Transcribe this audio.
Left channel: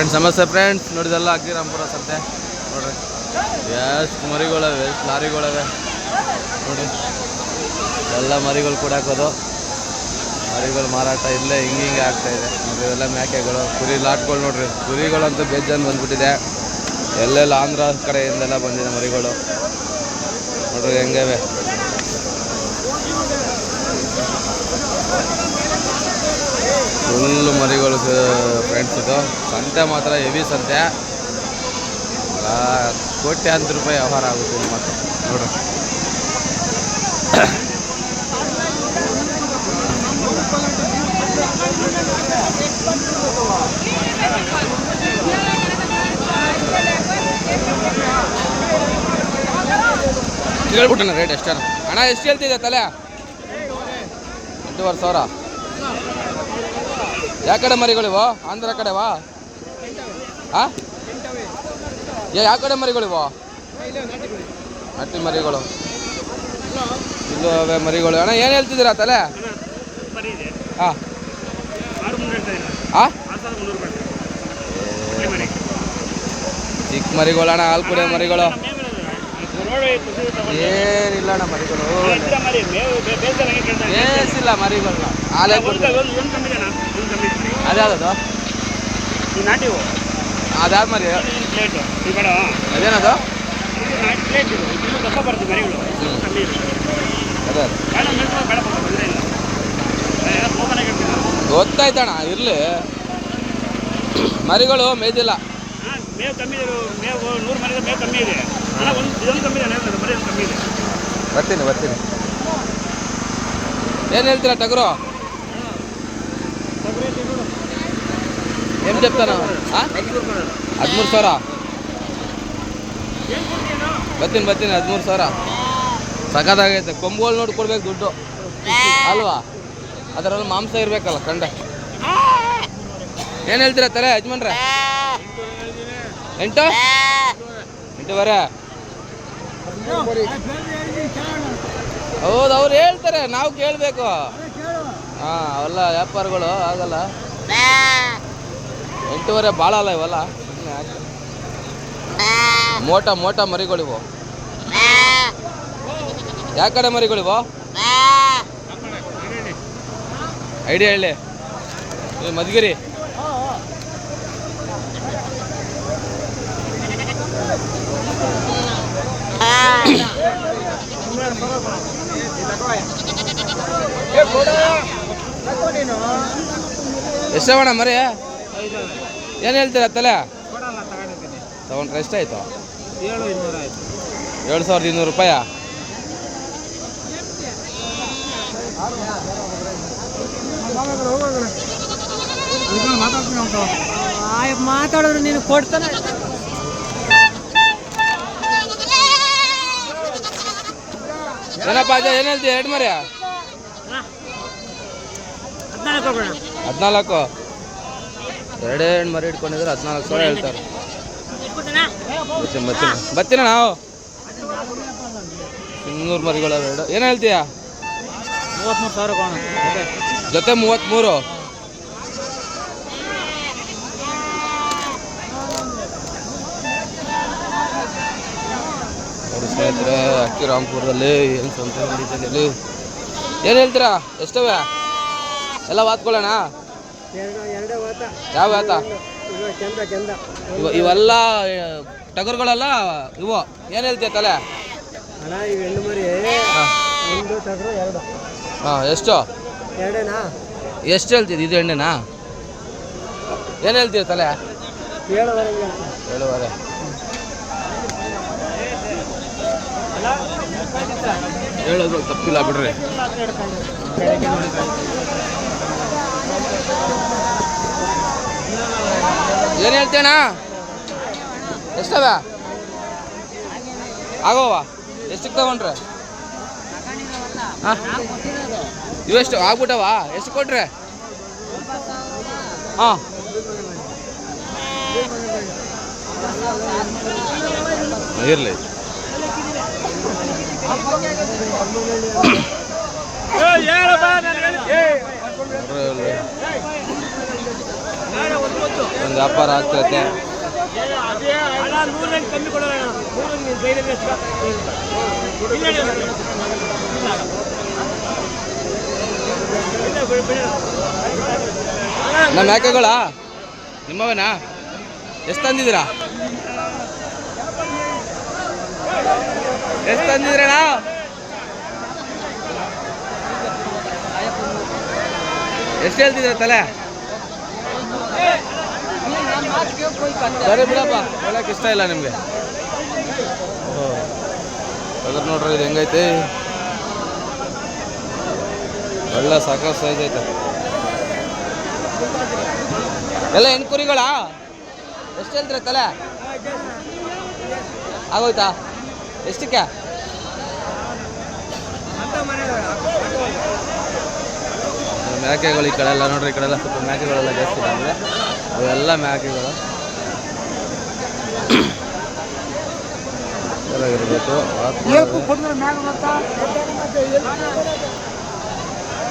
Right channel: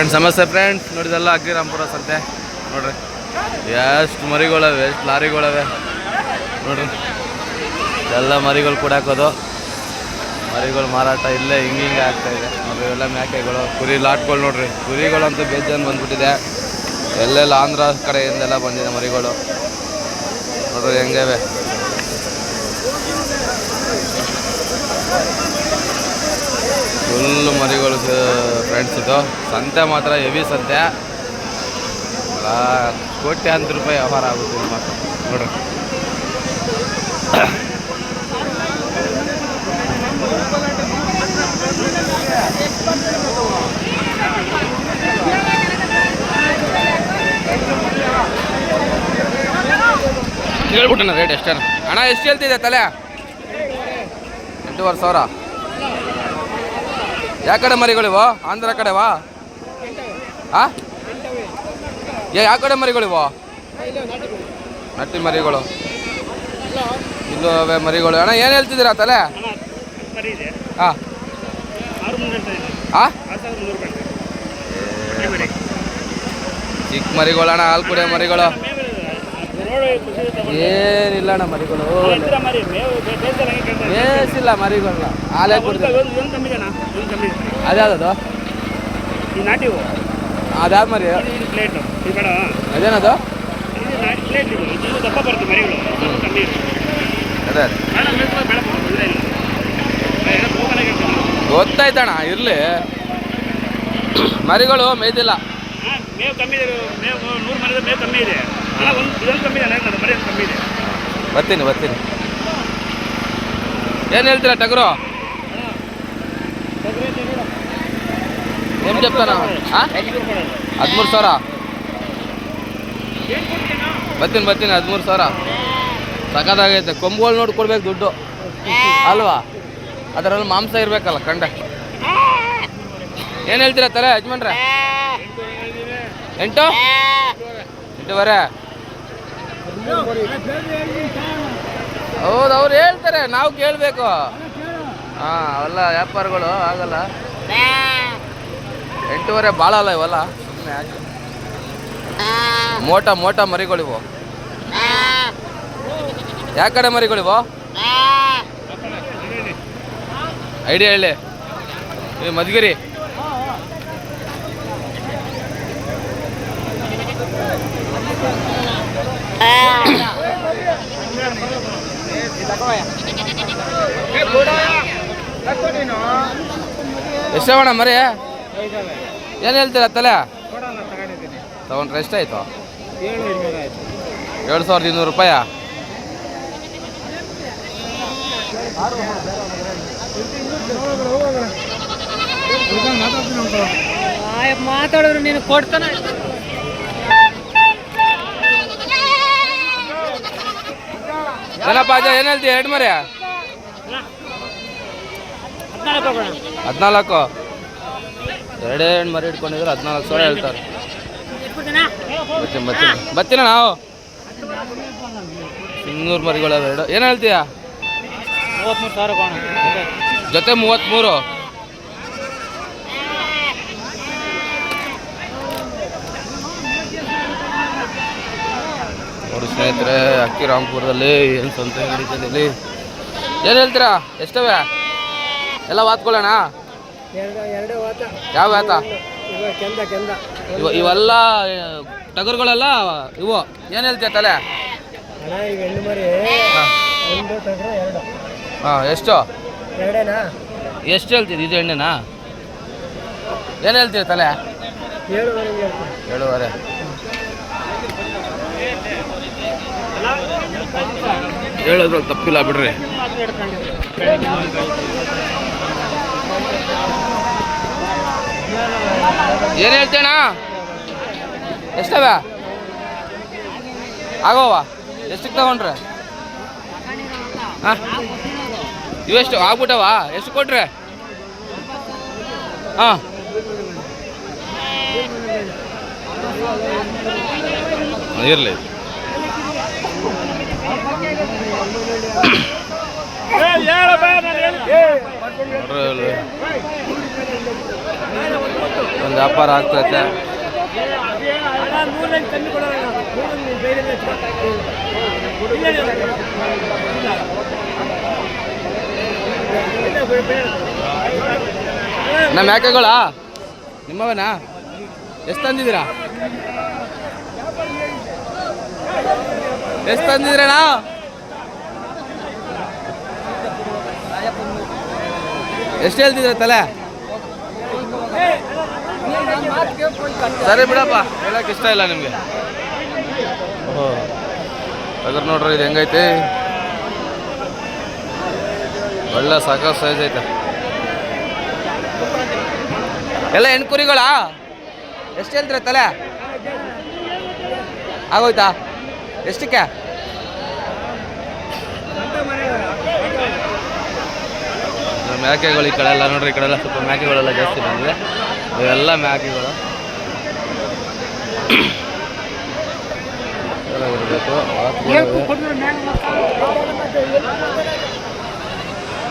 Friends ನಮಸ್ತೆ friends ನೋಡಿದೆಲ್ಲ ಅಗ್ಗಿರಾಂಪುರ ಸಂತೆ. ನೋಡ್ರಿ. ಎಷ್ಟು ಮರಿಗಳವೆ ಎಷ್ಟು ಲಾರಿಗಳವೆ. ನೋಡ್ರಿ. ಎಲ್ಲ ಮರಿಗಳು ಕೂಡ ಹಾಕೋದು. ಮರಿಗಳು ಮಾರಾಟ ಇಲ್ಲೇ ಹಿಂಗೆ ಹಿಂಗೆ ಆಗ್ತಾ ಇದೆ. ನೋಡ್ರಿ ಎಲ್ಲ ಮೇಕೆಗಳು ಕುರಿ ಲಾಟ್ಗಳು ನೋಡ್ರಿ. ಕುರಿಗಳಂತೂ ಬೇಜಾನು ಬಂದ್ಬಿಟ್ಟಿದೆ. ಎಲ್ಲೆಲ್ಲ ಆಂಧ್ರ ಕಡೆಯಿಂದೆಲ್ಲ ಬಂದಿದೆ ಮರಿಗಳು. ನೋಡ್ರಿ ಹೆಂಗವೆ ಫುಲ್ಲು ಮರಿಗಳು ಫ್ರೆಂಡ್ಸ್ ಇದು. ಸಂತೆ ಮಾತ್ರ, ಹೆವಿ ಸಂತೆ. ಕೋಟ್ಯಾಂತರ ರೂಪಾಯಿ ವ್ಯವಹಾರ ಆಗುತ್ತೆ ಮಾತ್ರ. ನೋಡ್ರಿ. ಹೇಳ್ಬಿಟ್ಟಣ ರೇಟ್ ಎಷ್ಟನ ಅಣ್ಣ, ಎಷ್ಟು ಹೇಳ್ತಿದೆ ತಲೆ? ಎಂಟೂವರೆ ಸಾವಿರ. ಯಾವ ಕಡೆ ಮರಿಗಳಿವೋ ಆಂಧ್ರ ಕಡೆವಾ ಆ? ಯಾವ ಕಡೆ ಮರಿಗಳಿವೋ ನಟ್ಟಿ ಮರಿಗಳು. ಇಲ್ಲೂ ಅವೆ ಮರಿಗಳು. ಅಣ್ಣ ಏನು ಹೇಳ್ತಿದ್ದೀರಾ ತಲೆ? ಹಾಂ ಚಿಕ್ಕ ಮರಿಗಳು ಅಣ್ಣ ಹಾಲು ಕುಡಿಯೋ ಮರಿಗಳು. ಏನಿಲ್ಲ ಅಣ್ಣ ಮರಿಗಳು. ಬೇಸಿಲ್ಲ ಮರಿಗಳನ್ನ. ಹಾಲೇ ಕುಡಿದ. ಅದ್ಯಾವ್ದು ನಾಟಿವು ಅದಾದ ಮರಿ ಪ್ಲೇಟ್ ಈ ಕಡೆ ಅದೇನದು? ನಾಟಿ ಪ್ಲೇಟ್ ಇದು. ಇದು ದಪ್ಪ ಬರ್ತದೆ ಮರಿಗಳು. ಕಮ್ಮಿ. ಅದೇ. ಅದೇ ಕಾಲ ಮೇಲೆ ಬೆಳೆ ತೊಂದರೆ ಇಲ್ಲ. ಎಲ್ಲ ಓಪನ್ ಆಗಿರ್ತದೆ ಗೊತ್ತಾಯ್ತಣ್ಣ ಇರಲಿ. ಮರಿಗಳು ಮೇಯ್ದಿಲ್ಲ. ಹಾಂ ಮೇವು ಕಮ್ಮಿ ಇದೆ. ಮೇವು ನೂರು ಮರದ ಮೇವು ಕಮ್ಮಿ ಇದೆ. ಅಲ್ಲ ಒಂದು ಇದೊಂದು ಕಮ್ಮಿ ಇದೆ ಮರಿ ಕಮ್ಮಿ ಇದೆ. ಬರ್ತೀನಿ ಬರ್ತೀನಿ. ಏನು ಹೇಳ್ತೀರಾ ಟಗರು? ಹದಿಮೂರು ಸಾವಿರ? ಬರ್ತೀನಿ ಬರ್ತೀನಿ, ಹದಿಮೂರು ಸಾವಿರ. ಸಖತ್ತಾಗೈತೆ. ಕೊಂಬುಗಳು ನೋಡಿ ಕೊಡ್ಬೇಕು ದುಡ್ಡು. ಅಲ್ವಾ? ಅದರಲ್ಲಿ ಮಾಂಸ ಇರಬೇಕಲ್ಲ, ಕಂಡ. ಏನು ಹೇಳ್ತೀರಾ ತಲೆ ಯಜಮಾನ್ರೆ? ಎಂಟು? ಬರ ಹೌದು, ಅವ್ರು ಹೇಳ್ತಾರೆ. ನಾವು ಕೇಳಬೇಕು. ಹಾಂ, ಅವೆಲ್ಲ ವ್ಯಾಪಾರಗಳು, ಆಗಲ್ಲ. ಎಂಟೂವರೆ ಭಾಳ ಅಲ್ಲ ಇವಲ್ಲ? ಮೋಟ ಮೋಟ ಮರಿಗಳಿವು. ಯಾವ ಕಡೆ ಮರಿಗಳಿವು? ಐಡಿಯಾ ಹೇಳಿ. ಮಧುಗಿರಿ. ಎಷ್ಟವಣ ಮರಿ? ಏನು ಹೇಳ್ತೀರ ತಲೆ? ತಗೊಂಡ್ರೆ ಎಷ್ಟಾಯ್ತು? ಎರಡು ಸಾವಿರದ ಇನ್ನೂರು ರೂಪಾಯ? ಮಾತಾಡೋರು ನೀನು ಕೊಡ್ತಾನೆ. ಏನಪ್ಪ ಅಜ್ಜ ಏನು ಹೇಳ್ತೀಯ ಎರಡು ಮರಿ ಹದಿನಾಲ್ಕು? ಎರಡೇ ಹೆಣ್ಣು ಮರಿ ಇಟ್ಕೊಂಡಿದ್ರೆ ಹದಿನಾಲ್ಕು ಸಾವಿರ ಹೇಳ್ತಾರೆ. ಬರ್ತೀನಿ ಬರ್ತೀನಿ. ನಾವು? ಇನ್ನೂರು ಮರಿಗಳು ಎರಡು. ಏನು ಹೇಳ್ತೀಯ? ಜೊತೆ ಮೂವತ್ತ್ಮೂರು ನೋಡಿ ಸ್ನೇಹಿತರೆ ಅಕ್ಕಿ ರಾಮ್ಪುರದಲ್ಲಿ ಏನು ಸಂತೆ ನಡೀತದೆ ಇಲ್ಲಿ? ಏನು ಹೇಳ್ತೀರಾ? ಎಷ್ಟವೆ? ಎಲ್ಲ ವಾತ್ಕೊಳ್ಳೋಣ? ಎರಡು ಎರಡೇ ವಾತ. ಯಾವ ಇವ ಇವೆಲ್ಲ ಟಗರುಗಳೆಲ್ಲ ಇವು. ಏನು ಹೇಳ್ತೀಯ ತಲೆ? ಹಾಂ. ಎರಡು. ಹಾಂ ಎಷ್ಟು? ಎರಡೇನಾ? ಎಷ್ಟು ಹೇಳ್ತೀರಿ ಇದು ಎಣ್ಣೆನಾ ಏನು ಹೇಳ್ತೀರಿ ತಲೆ? ಏಳುವರೆ. ಹೇಳೋದ್ರಲ್ಲಿ ತಪ್ಪಿಲ್ಲ ಬಿಡ್ರಿ. ಏನು ಹೇಳ್ತೇನಾ? ಎಷ್ಟವ? ಆಗೋವ? ಎಷ್ಟಕ್ಕೆ ತಗೊಂಡ್ರೆ? ಹಾಂ. ಇವೆಷ್ಟು? ಆಗ್ಬಿಟ್ಟವ? ಎಷ್ಟು ಕೊಟ್ರೆ? ಹಾಂ. ಇರಲಿ. ಇಲ್ಲಿ ಒಂದು ವ್ಯಾಪಾರ ಆಗ್ತೈತೆ. ನಮ್ಮ ಯಾಕೆಗಳ? ನಿಮ್ಮವೇನಾ? ಎಷ್ಟು ತಂದಿದ್ದೀರಾ? ಎಷ್ಟು ತಂದಿದ್ದೀರಣ್ಣ? ಎಷ್ಟು ಹೇಳ್ತಿದ್ದೀರ ತಲೆ? ಸರಿ ಬಿಡಪ್ಪ ಹೇಳಕ್ಕೆ ಇಷ್ಟ ಇಲ್ಲ ನಿಮಗೆ. ಅದ್ರ ನೋಡ್ರಿ, ಇದು ಹೆಂಗೈತೆ? ಒಳ್ಳೆ ಸಾಕಷ್ಟು ಸೈಜ್ ಐತೆ. ಎಲ್ಲ ಹೆಣ್ಕುರಿಗಳ ಕುರಿಗಳಾ? ಎಷ್ಟು ಹೇಳ್ತೀರ ತಲೆ? ಆಗೋಯ್ತಾ? ಎಷ್ಟಕ್ಕೆ? ಮೇಕೆಗಳು ಈ ಕಡೆ ಎಲ್ಲ ನೋಡ್ರಿ, ಈ ಕಡೆ ಎಲ್ಲ ಸ್ವಲ್ಪ ಮೇಕೆಗಳೆಲ್ಲ ಜಾಸ್ತಿ ಬಂದಿದೆ. ಇವೆಲ್ಲ ಮೇಕೆಗಳು ಇರಬೇಕು